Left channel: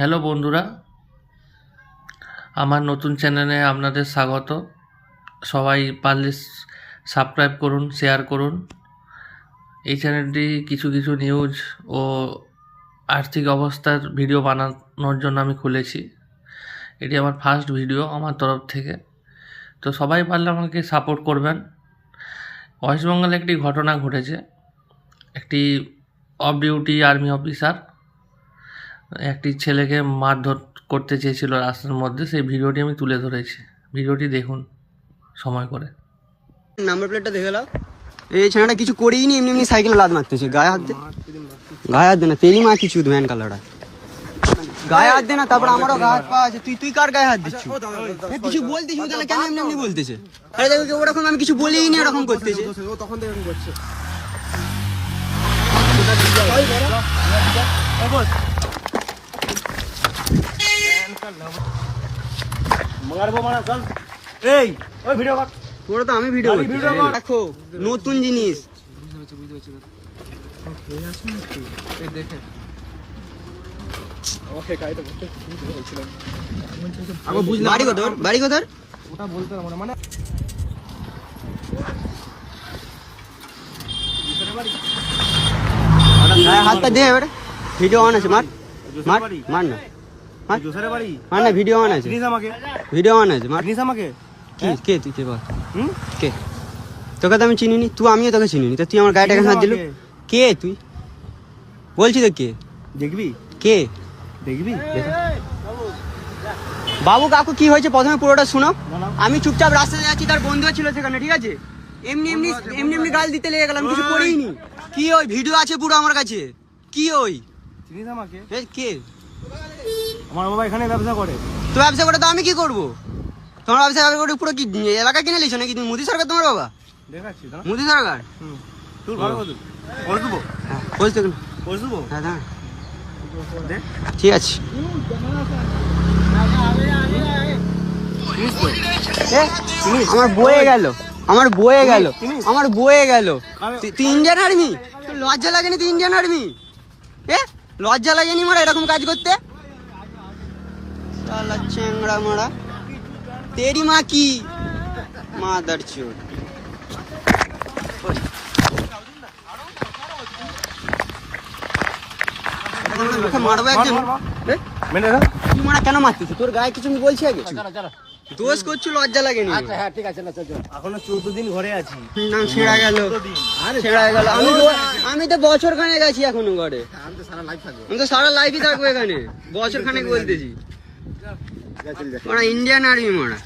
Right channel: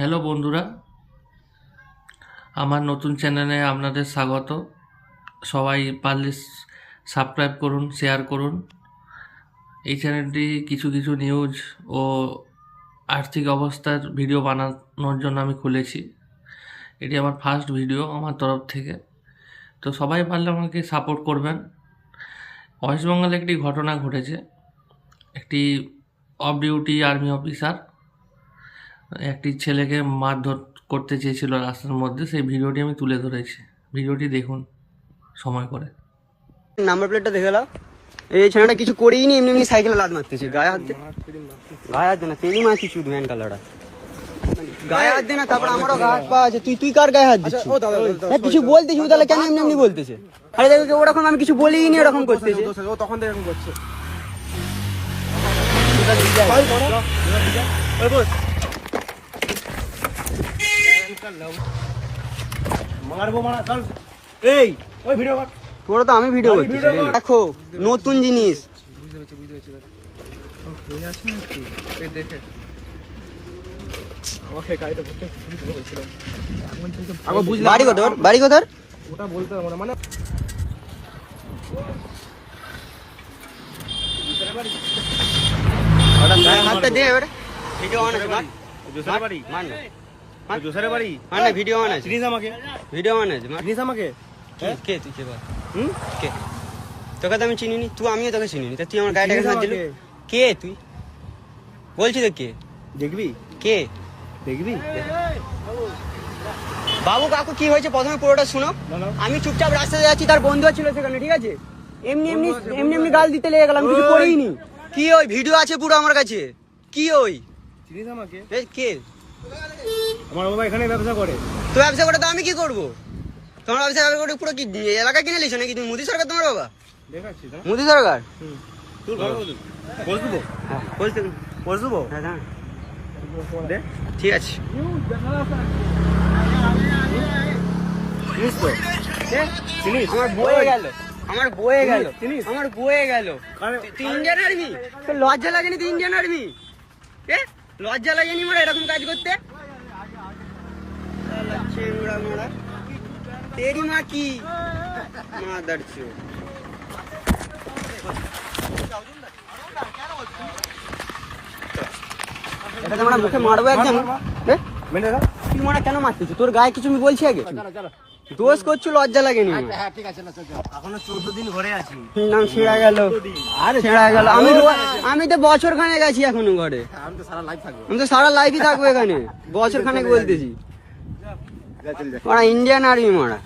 Hello বন্ধুরা, আমার নতুন চ্যানেলে আপনাদের স্বাগত। সবাই পারলে সাবস্ক্রাইব করুন, শেয়ার করুন। এই চ্যানেলটি কিছু কিছু নিউজ ও আর্থিক অবস্থার ভিডিও বানানোর জন্য আমি খুলেছি। এটি আমার ফার্স্ট ভিডিও আমার তরফ থেকে। তো সবাই পারলে আমাকে সাপোর্ট করবেন। ওয়েস্ট বেঙ্গলে একটি ঘটনা ঘটেছে। একটি অফ ডিউটি আর্মি অফিসার একটি ছেলেকে মারধর করতে চেয়েছিল রাস্তার মধ্যে সেই ভিডিওটি আমি তুলে ধরেছি। ভিডিওটি দেখুন সময় করে। নাম্বার প্লেটটা দেখে নাও। এই ছেলেটা কিছু করেই নি এমনি এমনি সাইকেলে লাদ মারতেছে। গায়ে হাত দে। গায়ে হাত দে না তেরি মা কিছু ম্যান কালারটা। গায়ে হাত দে না তারপর আমারও গায়ে হাত পা আছে। তুই তুই কার গায়ে হাত দিচ্ছিস? হ্যাঁ, কিছু বলতেছিস তাহলে কেন এমনি এমনি বলতেছে? আরে দেখি তো ওরকম আমি কিছু বলিই নি এরকম করতেছে। এই ওই ভিডিও কর। তোরা তো আমি ভিডিও করছি দেখো নতুন জিনিস। আগে বুঝলাম বাড়ি কোথার? বাড়ি কোথার? ওটা বলতে হবে না মানে হাতটা দে এবারে। ভিডিও অন আছে মার মার মার না। দোসরা বাড়ি? মার না ভিডিও অন আছে চিনিস আমাকে। ভিডিও অন আছে মার আমাকে? কি? কে তুই কে বল? হুম? কে? তোকে তো আমি চিনিনি তুই আমিও তোকে চিনিনি তো তুই আমার গাড়িটা কেন হাত দিলু? কে তুই? বলছি তো কে? দেখবি? কে? দেখবি? বাবু কাকু কি হয়েছে? প্রথমে পুরোটা শোনো। আমি চুপচাপ রাস্তায় যাচ্ছি তার বন্ধু ছিল সেখানে ঠিক আছে? এমনি এমনি এমনি এমনি গাল দিতে লেগে গেলাম কিছু। করিনি। কি ওই? ভিডিও আছে পুরো আমার কাছে। কি ওই? কে? আমার বাবা এখানে ব্যবসা করে। তো ব্যবসা করে তো আমি কি করব? তোমার ব্যবসা করে পুরো কি এলাকা কিনে লিছো নাকি তুমি? মোদি সরকার তোমার বাবা? দেখাচ্ছি মোদি সরকার? হুম। তুই ভালো কত পোস্ট হ্যাঁ বলছি হ্যাঁ হ্যাঁ। ঠিক আছে। আমার বয়ে গেল। আমার বয়ে গেল? আমার বয়ে গেল। তুই- ইন্ডিয়ান আর্মি? লজ্জা লাগেনি তুই ইন্ডিয়ান আর্মি? এ লজ্জা লাগেনি মারা এরকম কাজ করতে? শালা চেংড়া মারা। তেরি মা কি? মাদার চোর। এটা তোমরা মুখে মারবো একজন। হ্যাঁ? তুই মারা কেন তোর গায়ে কিছু আমি বলছি আগে? দোষ করছ লজ্জা লাগেনি। এখনও চোদ্দ দিন ঘরে আছি। নাম ছেঁড়া গেল। ছেঁড়া গেল। আমি আমি তো বছর খানেক আছি এখনও ঘরে। আমি তো সারা লাইফই থাকব। এখানে। বছর খানেক বলতেছি মারা ইন্ডিয়ান আর্মি মারা।